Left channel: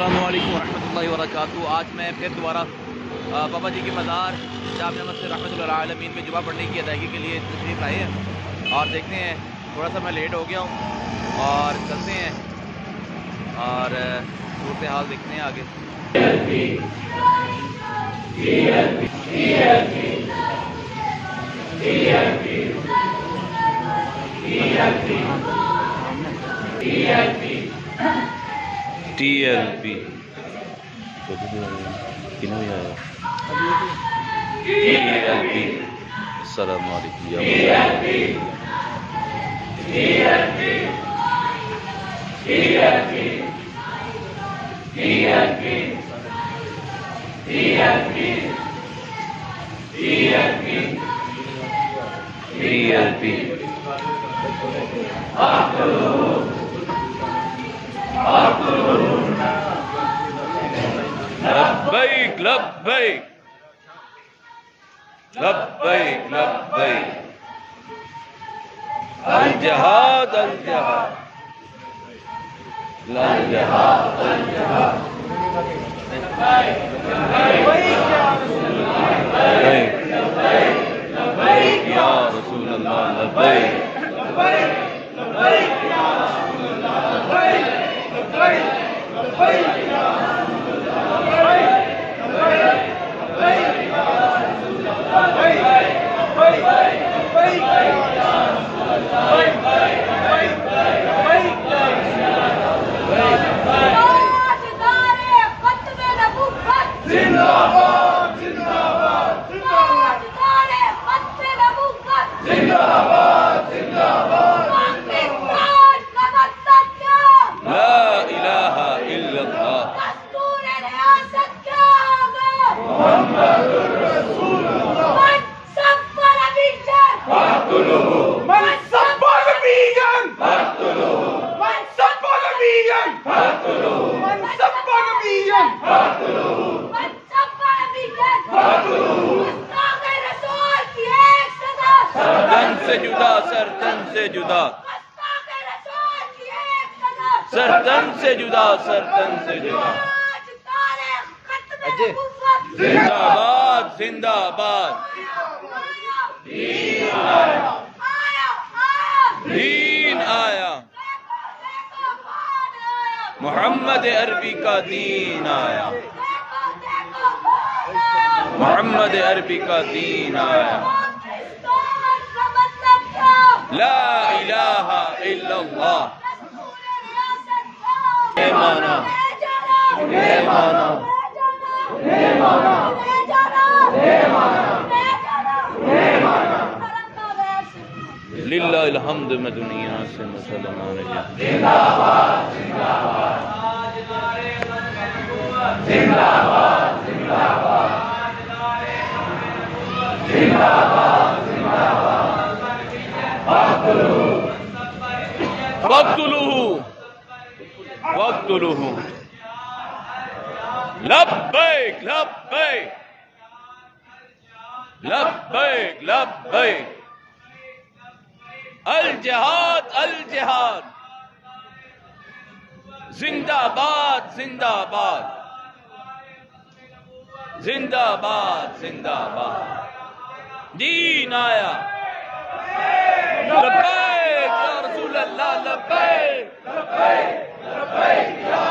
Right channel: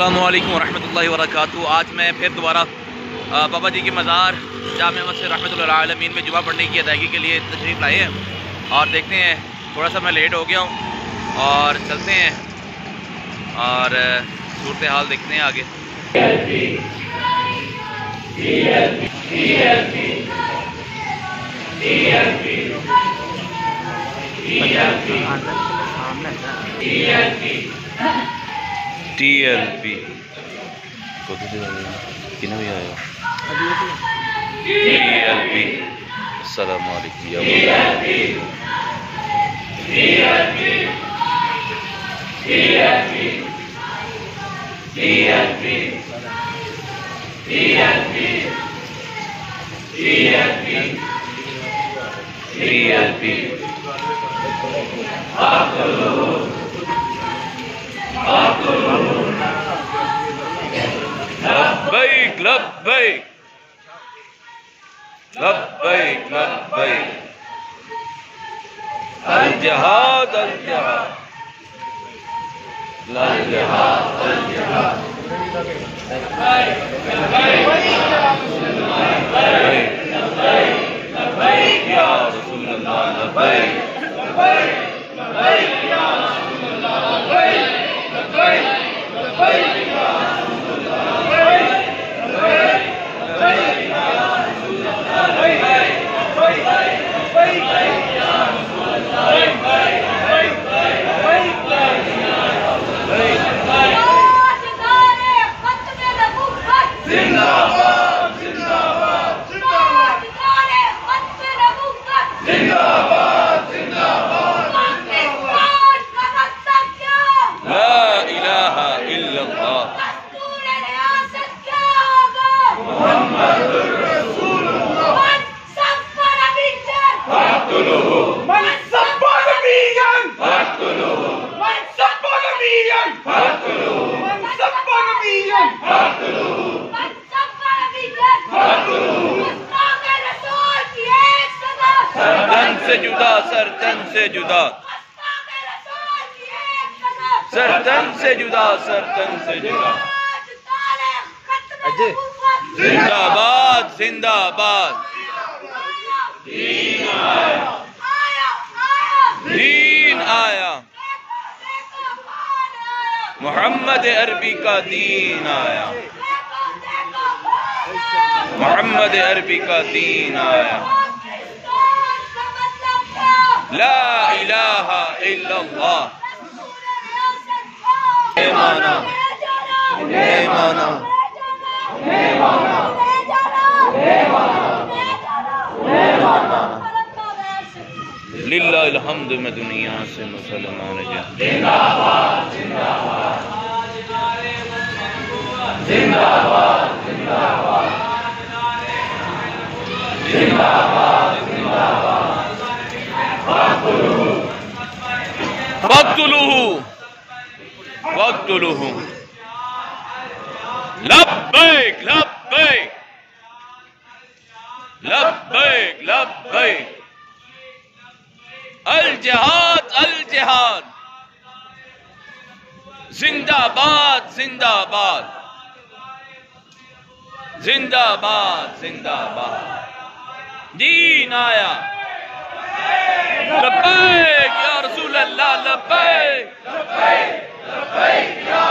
السلام علیکم ورحمۃ اللہ وبرکاتہ۔ آج میں پھر دوبارہ بابا جی کے مزار جامع مسجد رحمۃ اللہ عالمین میں جمعہ پڑھنے کی ادائیگی کے لیے تشریف لائے ہیں، اور دیکھتے ہیں تھوڑا سا میں لیٹ ہو گیا ہوں اور چلتے ہیں اور صورتحال دیکھتے ہیں آگے۔ TLP السلام علیکم لبیک لبیک لبیک لبیک الجہاد الجہاد الجہاد الجہاد لبیک یا رسول اللہ لبیک لبیک لبیک یا رسول اللہ لبیک لبیک لبیک یا رسول اللہ لبیک لبیک لبیک یا رسول اللہ لبیک لبیک لبیک یا رسول اللہ لبیک زندہ باد زندہ باد زندہ باد زندہ باد لا الہ الا اللہ محمد رسول اللہ من سب نبیًا فاقتلوه من سب نبیًا فاقتلوه من سب نبیًا فاقتلوه من سب نبیًا فاقتلوه من سب نبیًا فاقتلوه گستاخ رسول کی ایک سزا سرتن سے جدا سرتن سے جدا سرتن سے جدا سرتن سے جدا زندہ باد زندہ باد دین آیا دین آیا محمد عربی کا دین آیا محمد عربی کا دین آیا لا الہ الا اللہ للہ الحمد میں دنیا سے مسلمان زندہ باد زندہ باد زندہ باد زندہ باد زندہ باد زندہ باد فاقتلوه فاقتلوه لبیک لبیک لبیک لبیک الجہاد الجہاد زندہ باد زندہ باد زندہ باد زندہ باد دین آیا لبیک یا رسول اللہ لبیک لبیک لبیک یا